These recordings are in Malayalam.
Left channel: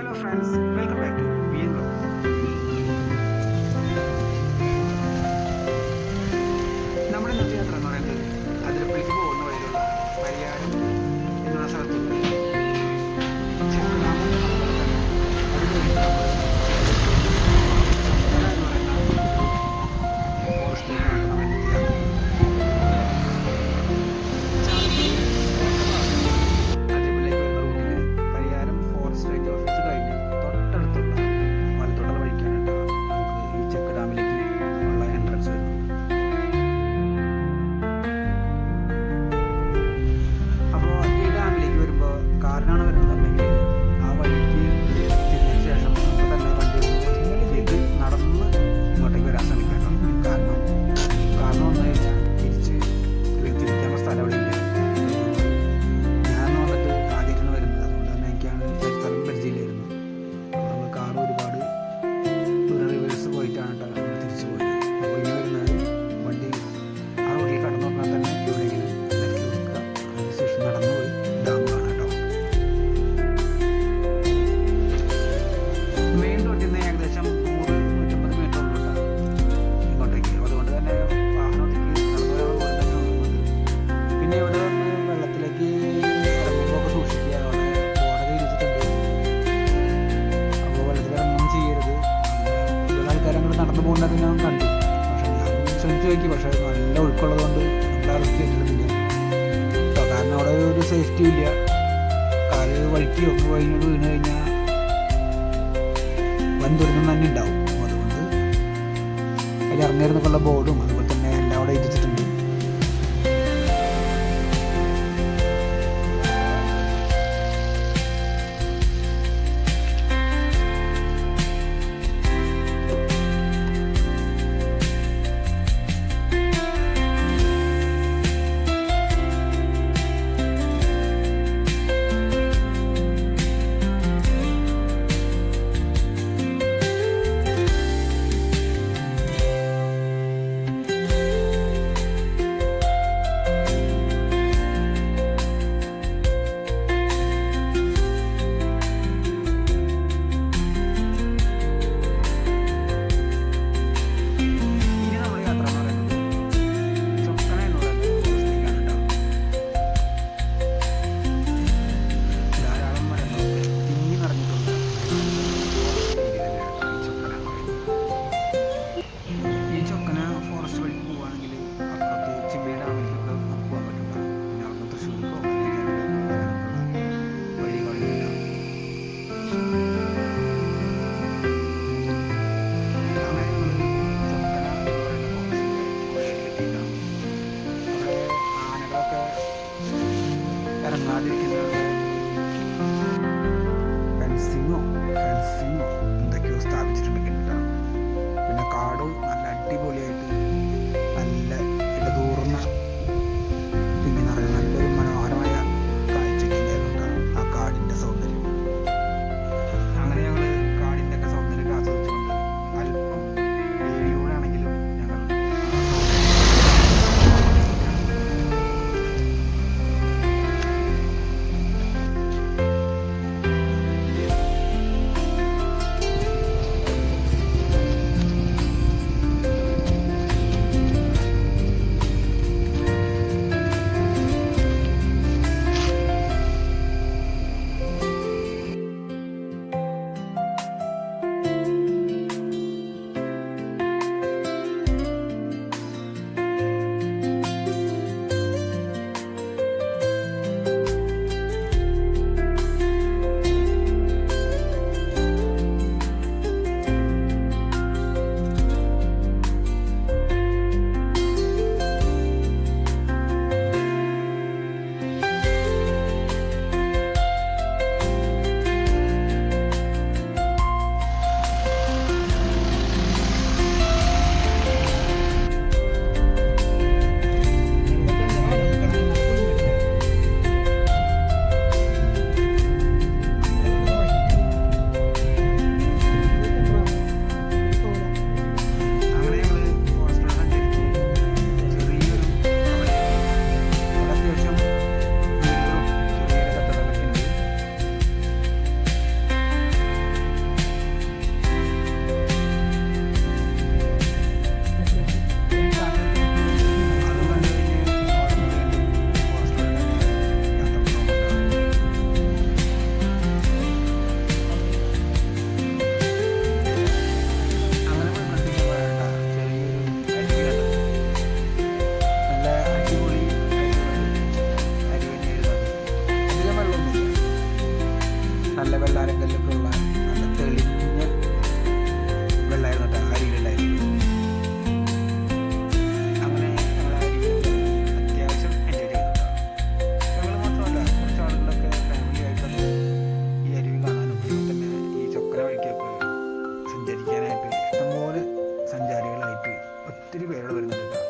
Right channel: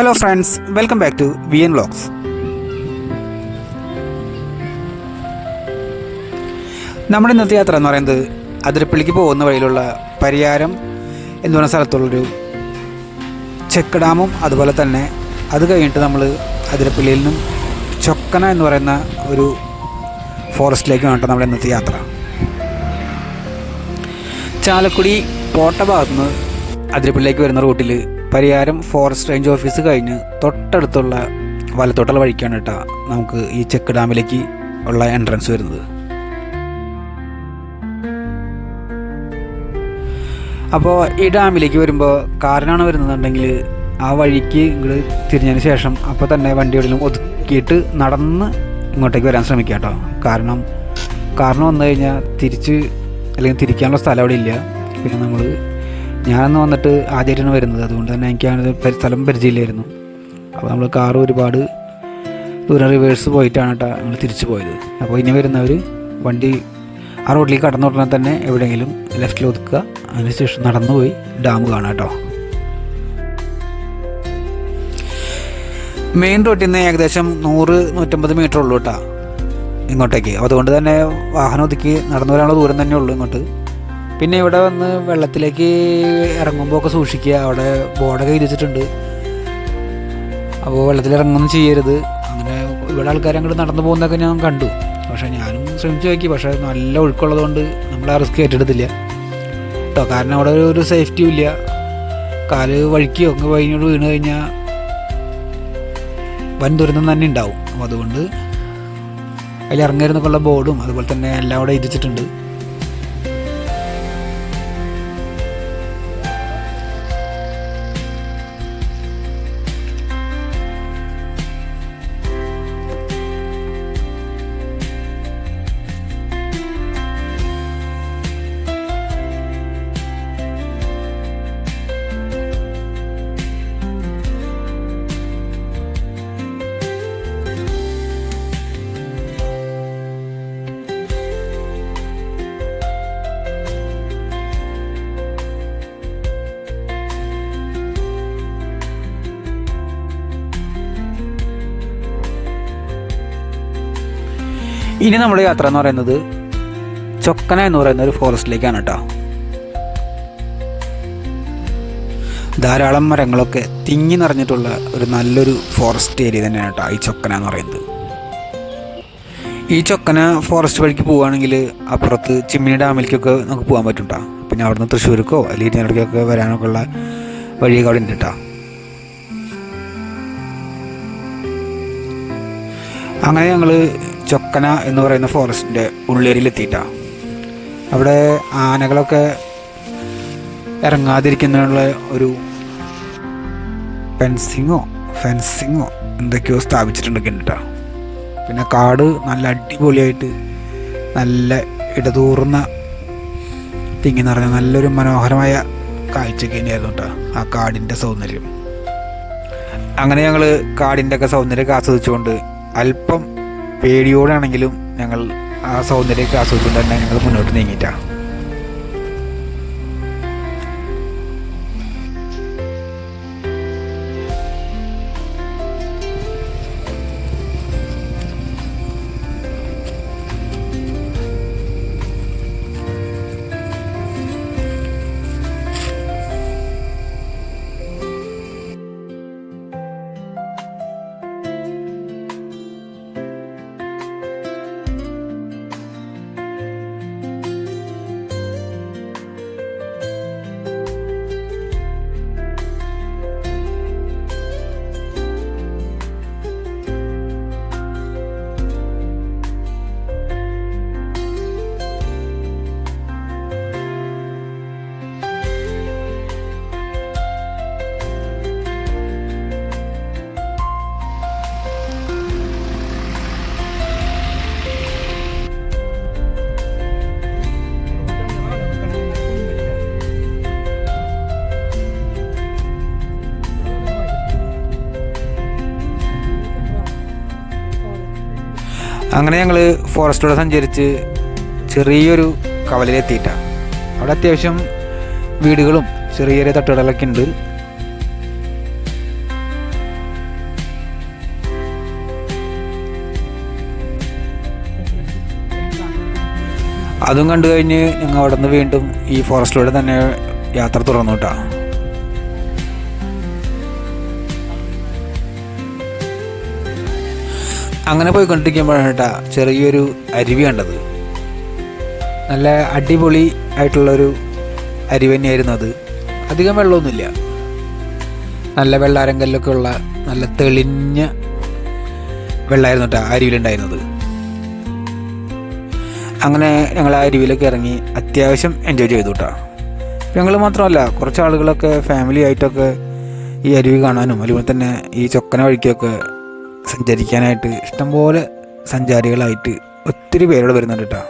Hello friends, welcome back to VN vlogs. നമ്മുടെ ഇന്നത്തെ യാത്ര എന്ന് പറയുന്നത് അതിരപ്പള്ളിക്ക് പോകുന്ന വഴിയിലുള്ള പരിയാരം എന്ന് പറയുന്ന സ്ഥലത്തുള്ളൊരു ചെക്ക് ഡാമും അതുപോലെ തന്നെ അത് കഴിഞ്ഞിട്ട് നമ്മൾ അതിരപ്പള്ളിയിൽ നിന്നും ചൊക്കന എന്ന് പറയുന്ന ഒരു ഫോറസ്റ്റിലേക്ക് വേണ്ട നമ്മുടെ ഇന്നത്തെ യാത്ര. ചാലക്കുടി കോട്ട ഭാഗത്തുനിന്ന് അതിരപ്പള്ളിയിലേക്ക് വരുന്ന റൂട്ടിൽ പരിയാരം ഫോറസ്റ്റ് റേഞ്ച് ഓഫീസ് കഴിഞ്ഞ് തൊട്ടടുത്തുള്ള വലത്തോട്ടുള്ള വഴിക്കാണ് കേട്ടോ നമുക്ക് ഈ ചെക്ക് ഡാമിലേക്ക് ഉള്ള എൻട്രൻസ് വരുന്നത്. അപ്പോൾ ഈ ഡാമിലേക്ക് വരുമ്പോൾ കാറിനാണ് വരുന്നതെന്നുണ്ടെങ്കിൽ ആ വഴിക്ക് ഇങ്ങോട്ട് തിരിഞ്ഞതിന് ശേഷം അപ്പോൾ തന്നെ വണ്ടി എവിടെയും ഒതുക്കിയിട്ട് നടന്ന് ഇങ്ങോട്ടേക്ക് വരാൻ ശ്രമിക്കുക കേട്ടോ. കാരണം കാറിന് വന്നു കഴിഞ്ഞാൽ തിരിക്കാനുള്ള സ്ഥലം അവിടെ ഇല്ല. പിന്നെ ഞാനന്ന് വന്നിട്ട് ആദ്യമായിട്ടാണ് വരുന്നത്, അതുകൊണ്ട് തന്നെ എനിക്ക് സ്ഥലം പരിചയമില്ലായിരുന്നു. അപ്പോൾ നമ്മൾ കാറ് ഒരുപാട് ദൂരം റിവേഴ്സ് പോയിട്ടാണ് കേട്ടോ നമ്മൾ തിരിച്ചു പോയത്. അപ്പോൾ ഇനി വരുന്നവർ വണ്ടി ആ റോഡിലേക്ക് കടന്നു ഉടനെ തന്നെ എവിടെയെങ്കിലും ലെഫ്റ്റിൽ ഒതുക്കുക, അതിനുശേഷം നടന്നു പോയി ഡാം കാണാം കേട്ടോ. മെയിൻ റോഡിൽ നിന്ന് ഏകദേശം 100-150 മീറ്റർ ഉള്ളൂ കേട്ടോ ഇങ്ങോട്ടേക്ക്. അതുകൊണ്ട് തന്നെ വാഹനം ഒതുക്കി നടന്നു വരാനുള്ള ദൂരം തന്നെ ഉള്ളൂ ഇങ്ങോട്ട്. പിന്നെ ഇവിടെ വന്ന് വെള്ളത്തിലേക്ക് ഇറങ്ങുമ്പോൾ ഒക്കെ സൂക്ഷിക്കുക, അവിടെ ബോർഡൊക്കെ എഴുതിച്ചിട്ടുണ്ട്. അപ്പോൾ വെള്ളത്തിൽ ഇറങ്ങുന്നു ചെയ്യരുത്. അങ്ങനെ ഇവിടെ ആൾക്കാർ അങ്ങോട്ട് നടന്നു പോകുന്നതൊക്കെ ഞാൻ കണ്ടു. പക്ഷേ ഞാനും ശ്രമിച്ചു നോക്കി, പക്ഷേ നല്ല ഒഴുക്കുള്ളത് കൊണ്ട് നമ്മൾ ആ റിസ്ക് ഏറ്റെടുത്തില്ല കേട്ടോ. കാരണം അവിടെ ഒരു സേഫ്റ്റിയും ഇല്ല. കാല് വഴിക്കോ വഴിനോട് വീണ് കഴിഞ്ഞാൽ വൻ ദുരന്തം തന്നെ ഉണ്ടാവും. അപ്പോൾ അതുകൊണ്ട് അതിൽ ഇറങ്ങരുന്നൊക്കെയുള്ള ബോർഡും അതുപോലെ തന്നെ എല്ലാം അവിടെ എഴുതിച്ചിട്ടുണ്ട്. ഇനി നമ്മുടെ യാത്ര എന്ന് പറയുന്നത് ചൊക്കന എന്ന് പറയുന്ന ഒരു ഫോറസ്റ്റിലേക്കാണ് കേട്ടോ. ധാരാളം മരങ്ങളൊക്കെ തിങ്ങി നിറഞ്ഞിട്ടുള്ള ഒരു നല്ലൊരു ഫോറസ്റ്റ് ഏരിയ തന്നെയാണ് കേട്ടോ ഈ ചൊക്കന എന്ന് പറയുന്നത്. ഈ ചൊക്കന ഫോറസ്റ്റ് വഴിക്ക് പോവുകയാണെങ്കിൽ അപ്പുറത്ത് ചിമ്മിനി ഡാമിലേക്കൊക്കെ നമുക്ക് പോകാൻ പറ്റും കേട്ടോ. പിന്നെ അവിടുന്ന് തൃശ്ശൂർക്കോ അല്ലെങ്കിൽ ഇതിനിടയ്ക്കൊക്കെ വരാനൊക്കെ ഉള്ള വഴിയൊക്കെ അവിടെ ഉണ്ട് കേട്ടോ. അങ്ങനെ ഞങ്ങൾ ചൊക്കന എന്ന് പറയുന്ന ഫോറസ്റ്റിൻ്റെ ഉള്ളേരിയിലെത്തിയിട്ടാണ്. അവിടെ ആനകളൊക്കെ ഇറങ്ങാതിരിക്കുന്നതിനുള്ള ഒരു ഫെൻസിങ്ങോ എന്തൊക്കെയോ സ്ഥാപിച്ചിട്ടുണ്ടൊക്കെ ഉണ്ട് കേട്ടോ. പിന്നെ കാട് നല്ല അടിപൊളിയായിട്ട് നല്ല ഇടതൂർന്ന തിങ്ങി നിറഞ്ഞ നല്ലൊരു മനോഹരമായ കാഴ്ചയൊക്കെ തന്നെയായിരുന്നു കേട്ടോ ആ കാടിൻ്റെ സൗന്ദര്യം. അങ്ങനെ ഞങ്ങൾ കാടിൻ്റെ ഒക്കെ സൗന്ദര്യമൊക്കെ ആസ്വദിച്ചുകൊണ്ട് അല്പം പേടിയോടാണെങ്കിലും ഞങ്ങൾ ആ സൗന്ദര്യമൊക്കെ ആസ്വദിച്ചിട്ട് തന്നെ ഞങ്ങൾ മുന്നോട്ട് നീങ്ങിയിട്ടാണ്. അങ്ങനെ ഞങ്ങൾ ഫോറസ്റ്റിലൂടെ സഞ്ചരിച്ച് ചെറിയൊരു കവലയിലെത്തിയിട്ടാണ്. അവിടെ അത്യാവശ്യം വീടുകളും ചെറിയ ചെറിയ തട്ടുകടകളൊക്കെ ഉണ്ട്. അതും കണ്ടു കഴിഞ്ഞ് ഞങ്ങൾ അവിടെ നിന്ന് വീണ്ടും ഈ ഫോറസ്റ്റിലൂടെ തന്നെ യാത്ര തുടർന്നു കേട്ടോ. അങ്ങനെ പോയിക്കൊണ്ടിരിക്കുമ്പോഴാണ് കേട്ടോ ചെറിയൊരു അരുവി കണ്ടത്. നല്ല അടിപൊളി ആയിട്ടുള്ളൊരു അരുവി തന്നെയായിരുന്നു അത്. അധികം വെള്ളമൊന്നുമില്ല, നല്ല വെള്ളാരങ്കല്ലൊക്കെ ഉള്ള നല്ല തെളിഞ്ഞ വെള്ളമായിരുന്നു കേട്ടോ അരുവിയിലുണ്ടായിരുന്നത്. അങ്ങനെ ഞങ്ങൾ ആ അരുവിയിലൊക്കെ ഇറങ്ങി അത്യാവശ്യം എൻജോയ് ചെയ്തു കേട്ടോ. ഞങ്ങൾ മാത്രമല്ല, കുറച്ച് ആളുകളൊക്കെ ഫാമിലി ആയിട്ടൊക്കെ ഈ അരുവി കാണാനും അതുപോലെ തന്നെ ഈ ചൊക്കന വഴിക്കൊക്കെ സഞ്ചരിക്കാനായിട്ട് ഇഷ്ടംപോലെ സഞ്ചാരികളായിട്ട് ഒത്തിരി പേരോട് വരുന്നുണ്ട് കേട്ടോ.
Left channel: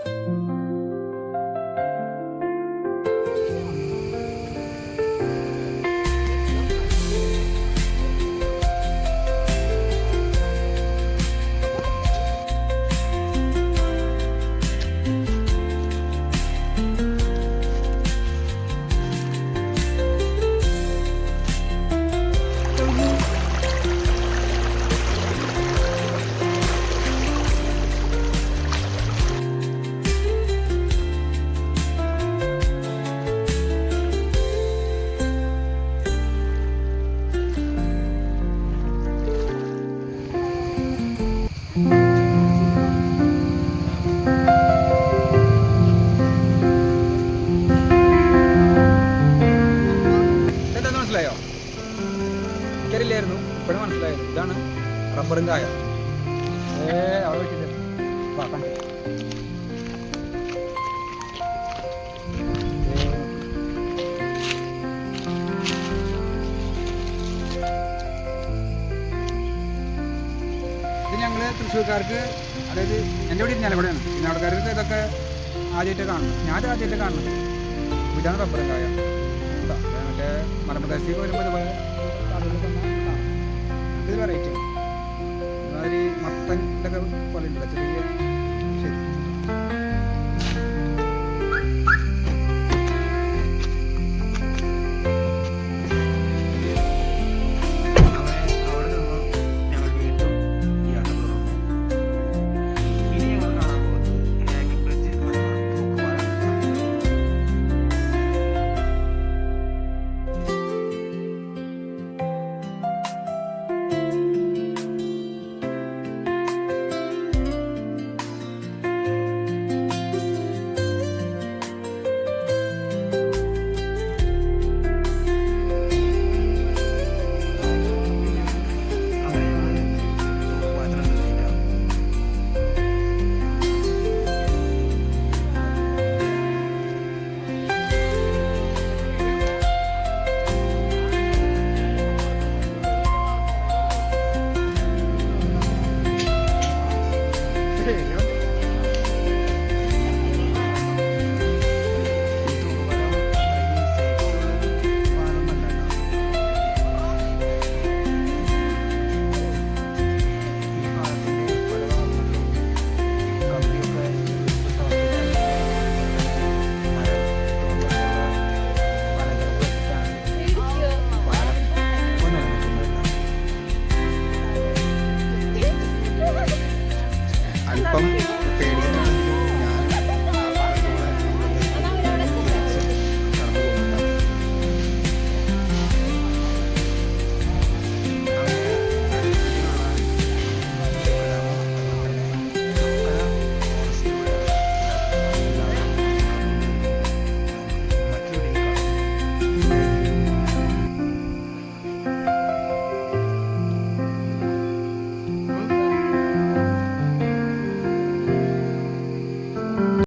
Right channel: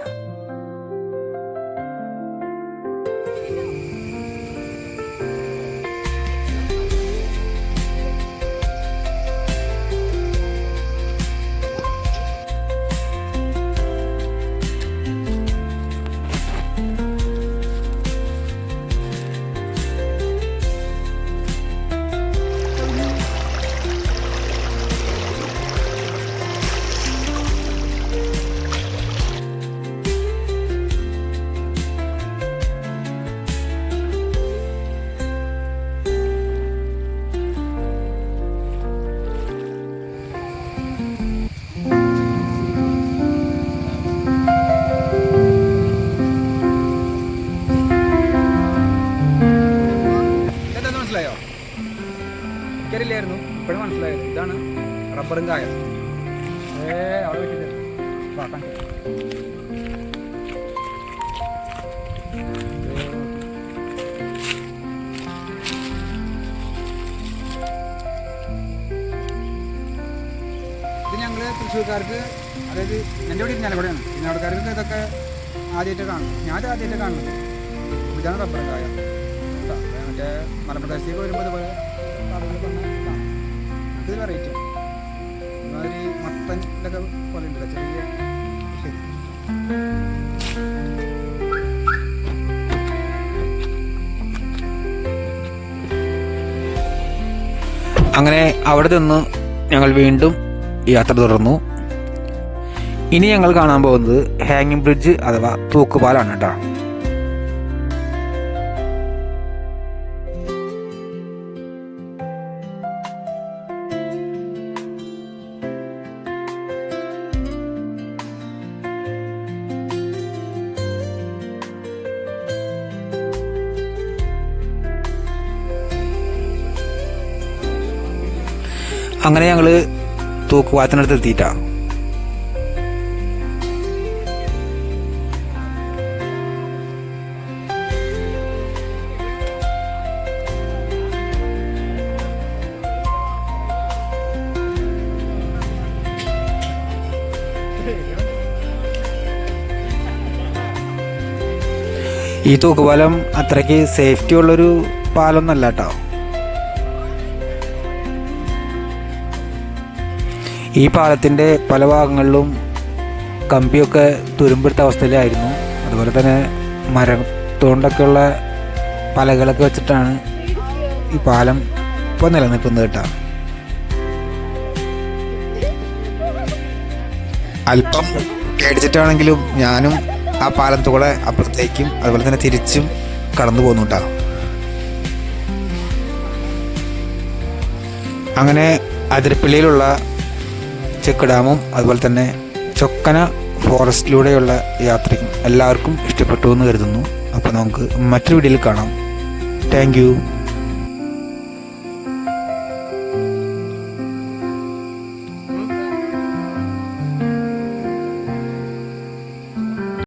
മനസ്സിലായോ? എനിക്കറിയില്ലായിരുന്നു, ഇപ്പോഴും മനസ്സിലായത്. ഇതാണ് റബ്ബറും കായ. അവിടെ വെച്ചിട്ട് ഇത് ഞങ്ങൾ തൃശ്ശൂർക്കാർക്ക്, അതായത് എൻ്റെ ഇവിടെ ഇരിഞ്ഞാലക്കുടയാണ്, ഇരിഞ്ഞാലക്കുടക്കാർക്ക് ഇതൊക്കെ ആദ്യമായിട്ട് കാണുന്നത്. ഞാൻ ആദ്യമായിട്ട് കാണുന്നത്. അപ്പോൾ ഇതാണ് റബ്ബറും കായ. മറ്റേ മലപ്രദേശത്തേക്ക് വരുമ്പോൾ ഇതുപോലെ കടകളിൽ തന്നെ കാണാം. നമുക്കിത് വെറൈറ്റിയാണ്. ഇതുമാതിരി മത്തൻ്റെ ഒക്കെ പോലെ ഉണ്ടല്ലോ ചെറിയ. ശരി, അങ്ങനെ അവിടെ നിന്ന് ഞങ്ങൾ വീണ്ടും യാത്ര തുടർന്നു. ഇനി ഞങ്ങൾ കാണാൻ പോകുന്നത് ഹാങ്ങിങ് ബ്രിഡ്ജ് അഥവാ തൂക്കുപാലാണ് കേട്ടോ. അങ്ങനെ ഞങ്ങൾ തൂക്കുപാലത്തിനടുത്ത് എത്തിയിട്ടാണ്. ഈ തൂക്കുപാലം അത്രയ്ക്ക് സേഫ്റ്റി ഉള്ളൊരു പാലമൊന്നുമല്ല കേട്ടോ. ഈ പാലത്തിൻ്റെ പല ഭാഗങ്ങളിലും കമ്പിയൊക്കെ തുരുമ്പെടുത്ത അവസ്ഥയിലായിരുന്നു. അതുപോലെ തന്നെ മരത്തോണ്ടൊക്കെയുള്ള പലകളൊക്കെ വെച്ചിട്ടാണ് ഈ പാലം ഇപ്പോൾ നിലനിൽക്കുന്നത് കേട്ടോ. അല്പം പേടിച്ചിട്ടാണെങ്കിലും ഞാനും ആ പാലത്തുകൂടെ അപ്പുറത്തേക്കും അതുപോലെ തന്നെ തിരിച്ചും കടന്നു പോകുന്നു കേട്ടോ. അങ്ങനെ അതിരപ്പള്ളിയിലുള്ള ചെക്ക് ഡാമും അതുപോലെ തന്നെ ചൊക്കന ഫോറസ്റ്റിലൂടെയുള്ള യാത്രയും എല്ലാവർക്കും ഇഷ്ടപ്പെട്ടു എന്ന് കരുതുന്നു. അപ്പോൾ നമുക്ക് മറ്റൊരു വീഡിയോയിൽ കാണാം. Thank you.